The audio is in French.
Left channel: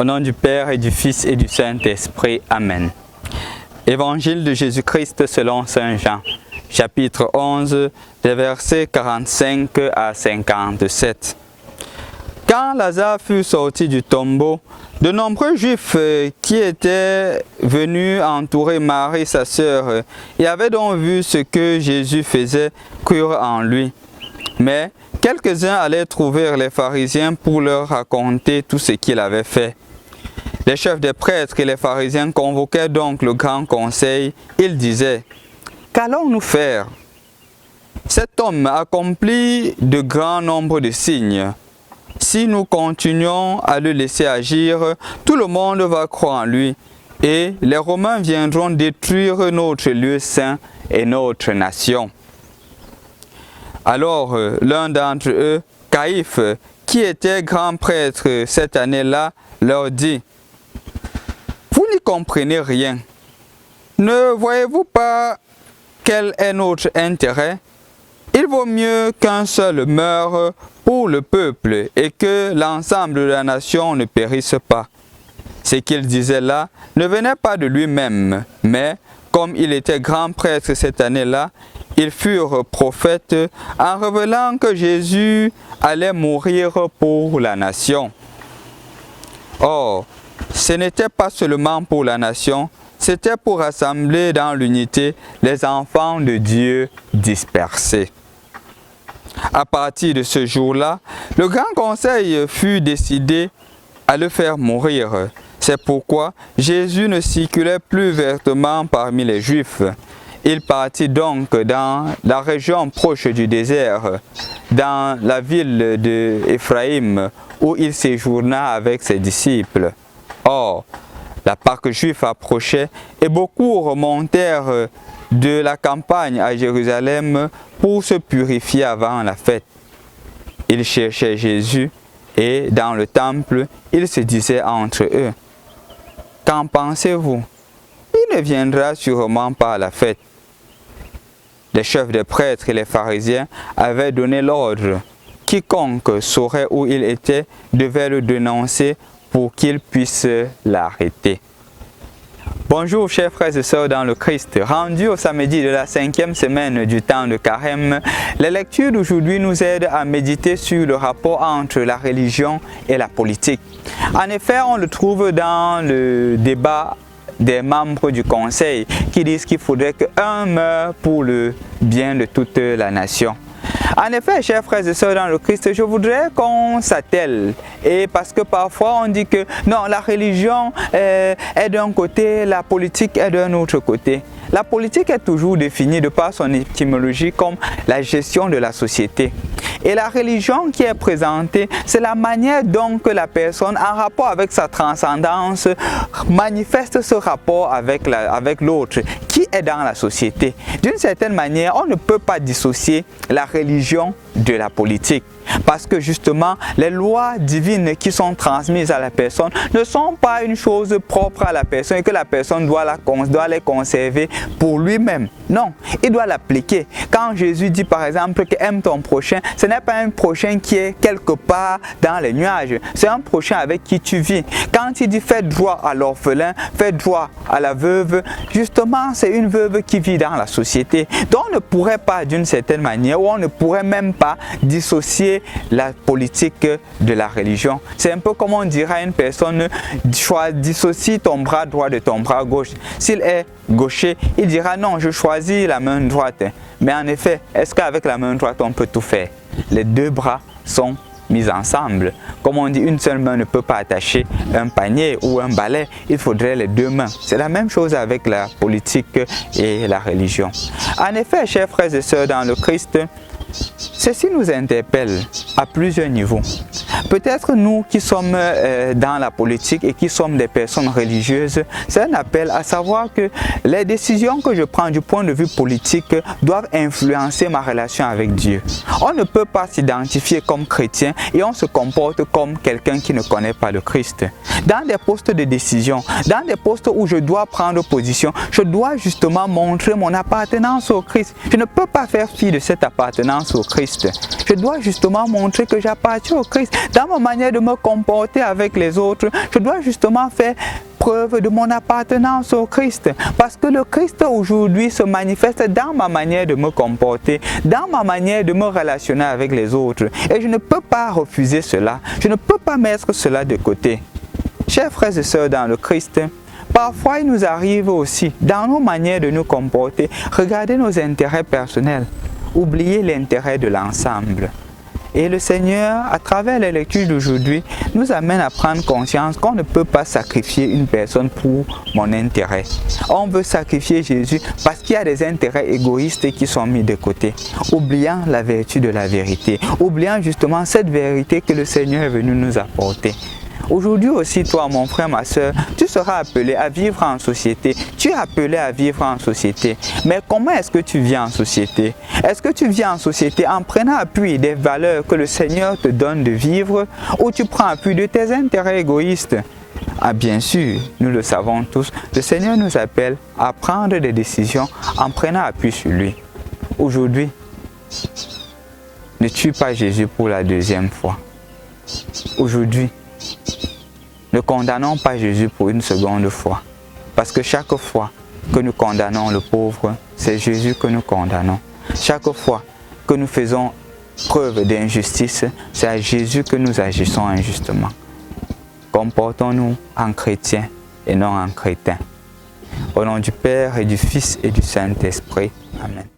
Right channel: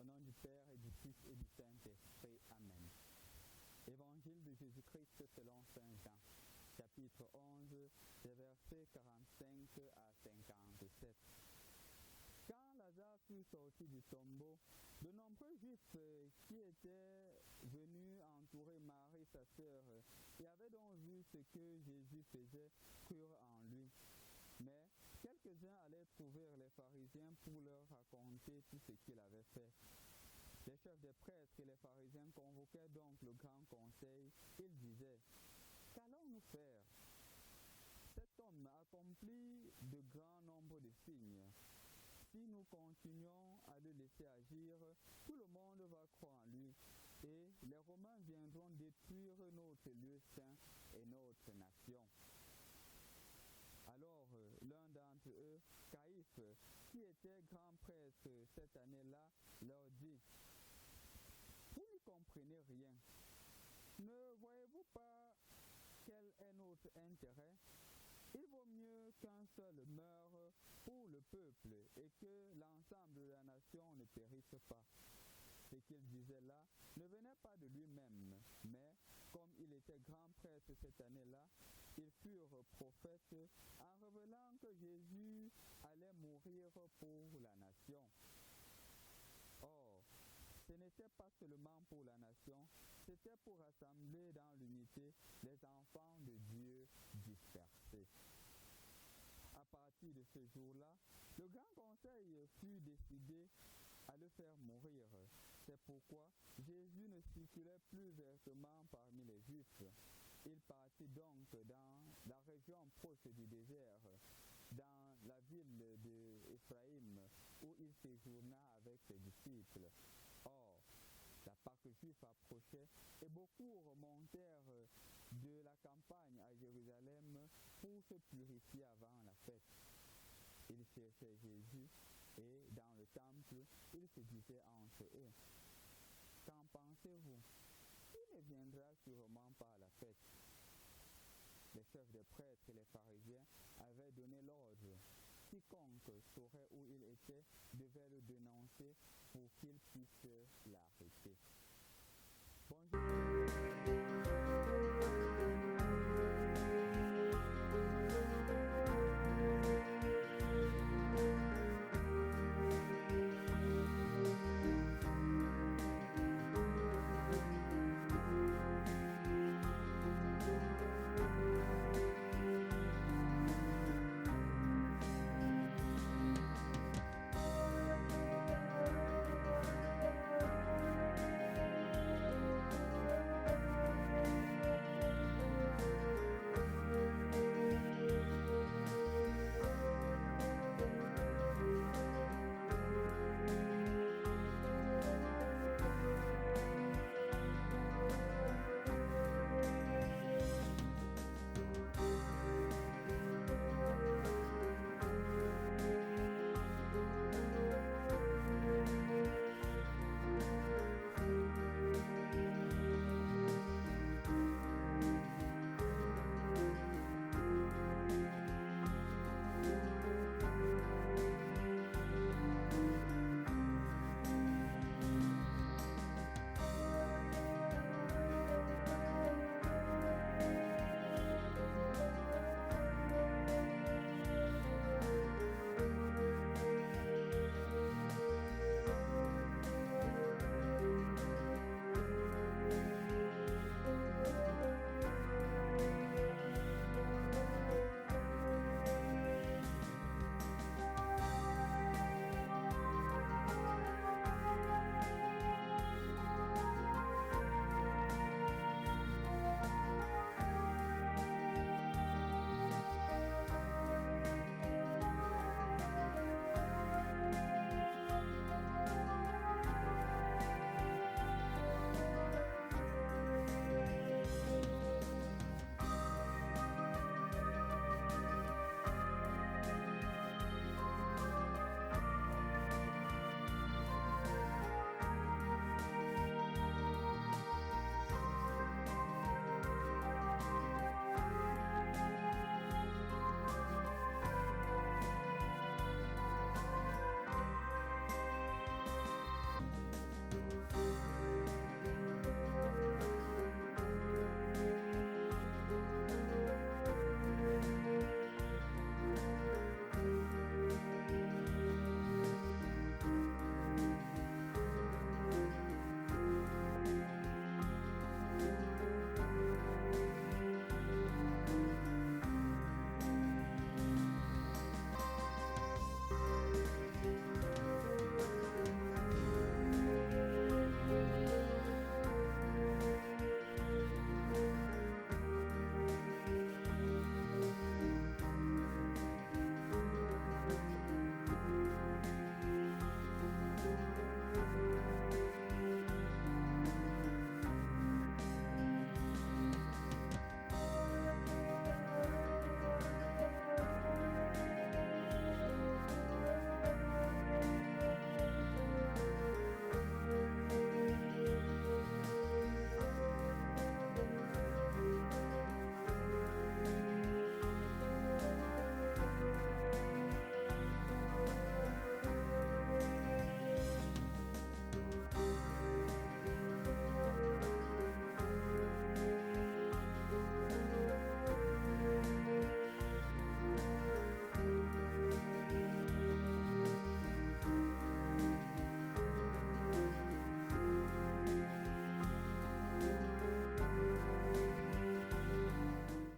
Au nom du Père et du Fils et du Saint-Esprit. Amen. Évangile de Jésus-Christ selon Saint Jean, chapitre 11, des versets 45 à 57. Quand Lazare fut sorti du tombeau, de nombreux Juifs qui étaient venus entourer Marie, sa sœur, et avaient donc vu ce que Jésus faisait, crurent en lui. Mais quelques-uns allaient trouver les pharisiens pour leur raconter tout ce qu'il avait fait. Les chefs des prêtres et les pharisiens convoquaient donc le grand conseil. Ils disaient: « Qu'allons-nous faire? Cet homme accomplit de grands nombres de signes. Si nous continuons à le laisser agir, tout le monde va croire en lui, et les Romains viendront détruire notre lieu saint et notre nation. » Alors l'un d'entre eux, Caïphe, qui était grand prêtre cette année-là, leur dit: « Vous n'y comprenez rien. Ne voyez-vous pas quel est notre intérêt? Il vaut mieux qu'un seul meure pour le peuple et que l'ensemble de la nation ne périsse pas. » Ce qu'il disait là ne venait pas de lui-même, mais comme il était grand prêtre cette année-là, ils furent prophètes en révélant que Jésus allait mourir pour la nation. Or, ce n'était pas seulement pour la nation, c'était pour rassembler dans l'unité les enfants de Dieu dispersés. À partir de ce jour-là, le grand conseil fut décidé à le faire mourir. C'est pourquoi Jésus ne circulait plus vertement parmi les Juifs. Il partit donc dans la région proche du désert, dans la ville d'Éphraïm, où il séjourna avec ses disciples. Or, la Pâque juive approchait et beaucoup remontèrent de la campagne à Jérusalem pour se purifier avant la fête. Ils cherchaient Jésus et dans le temple, ils se disaient entre eux: « Qu'en pensez-vous? Il ne viendra sûrement pas à la fête. » Les chefs des prêtres et les pharisiens avaient donné l'ordre. Quiconque saurait où il était devait le dénoncer pour qu'il puisse l'arrêter. Bonjour chers frères et sœurs dans le Christ. Rendu au samedi de la 5e semaine du temps de Carême, les lectures d'aujourd'hui nous aident à méditer sur le rapport entre la religion et la politique. En effet, on le trouve dans le débat des membres du conseil qui disent qu'il faudrait qu'un meure pour le bien de toute la nation. En effet, chers frères et sœurs dans le Christ, je voudrais qu'on s'attelle. Et parce que parfois on dit que non, la religion est d'un côté, la politique est d'un autre côté. La politique est toujours définie de par son étymologie comme la gestion de la société. Et la religion qui est présentée, c'est la manière dont que la personne, en rapport avec sa transcendance, manifeste ce rapport avec l'autre qui est dans la société. D'une certaine manière, on ne peut pas dissocier la religion de la politique. Parce que justement, les lois divines qui sont transmises à la personne ne sont pas une chose propre à la personne et que la personne doit les conserver pour lui-même. Non, il doit l'appliquer. Quand Jésus dit par exemple que aime ton prochain, ce n'est pas un prochain qui est quelque part dans les nuages. C'est un prochain avec qui tu vis. Quand il dit fais droit à l'orphelin, fais droit à la veuve, justement c'est une veuve qui vit dans la société. Donc on ne pourrait pas d'une certaine manière, ou on ne pourrait même pas dissocier la politique de la religion. C'est un peu comme on dirait à une personne: dissocie ton bras droit de ton bras gauche. S'il est gaucher, il dira non, je choisis la main droite. Mais en effet, est-ce qu'avec la main droite on peut tout faire? Les deux bras sont mis ensemble. Comme on dit, une seule main ne peut pas attacher un panier ou un balai, il faudrait les deux mains. C'est la même chose avec la politique et la religion. En effet, chers frères et sœurs dans le Christ, ceci nous interpelle à plusieurs niveaux. Peut-être nous qui sommes dans la politique et qui sommes des personnes religieuses, c'est un appel à savoir que les décisions que je prends du point de vue politique doivent influencer ma relation avec Dieu. On ne peut pas s'identifier comme chrétien et on se comporte comme quelqu'un qui ne connaît pas le Christ. Dans des postes de décision, dans des postes où je dois prendre position, je dois justement montrer mon appartenance au Christ. Je ne peux pas faire fi de cette appartenance appartenance au Christ. Je dois justement montrer que j'appartiens au Christ. Dans ma manière de me comporter avec les autres, je dois justement faire preuve de mon appartenance au Christ. Parce que le Christ aujourd'hui se manifeste dans ma manière de me comporter, dans ma manière de me relationner avec les autres. Et je ne peux pas refuser cela. Je ne peux pas mettre cela de côté. Chers frères et sœurs dans le Christ, parfois il nous arrive aussi, dans nos manières de nous comporter, regarder nos intérêts personnels, oublier l'intérêt de l'ensemble. Et le Seigneur, à travers les lectures d'aujourd'hui, nous amène à prendre conscience qu'on ne peut pas sacrifier une personne pour mon intérêt. On veut sacrifier Jésus parce qu'il y a des intérêts égoïstes qui sont mis de côté, oubliant la vertu de la vérité, oubliant justement cette vérité que le Seigneur est venu nous apporter. Aujourd'hui aussi, toi, mon frère, ma soeur, tu seras appelé à vivre en société. Tu es appelé à vivre en société. Mais comment est-ce que tu vis en société? Est-ce que tu vis en société en prenant appui des valeurs que le Seigneur te donne de vivre ou tu prends appui de tes intérêts égoïstes? Ah, bien sûr, nous le savons tous, le Seigneur nous appelle à prendre des décisions en prenant appui sur lui. Aujourd'hui, ne tue pas Jésus pour la deuxième fois. Aujourd'hui, ne condamnons pas Jésus pour une seconde fois. Parce que chaque fois que nous condamnons le pauvre, c'est Jésus que nous condamnons. Chaque fois que nous faisons preuve d'injustice, c'est à Jésus que nous agissons injustement. Comportons-nous en chrétiens et non en crétins. Au nom du Père et du Fils et du Saint-Esprit. Amen.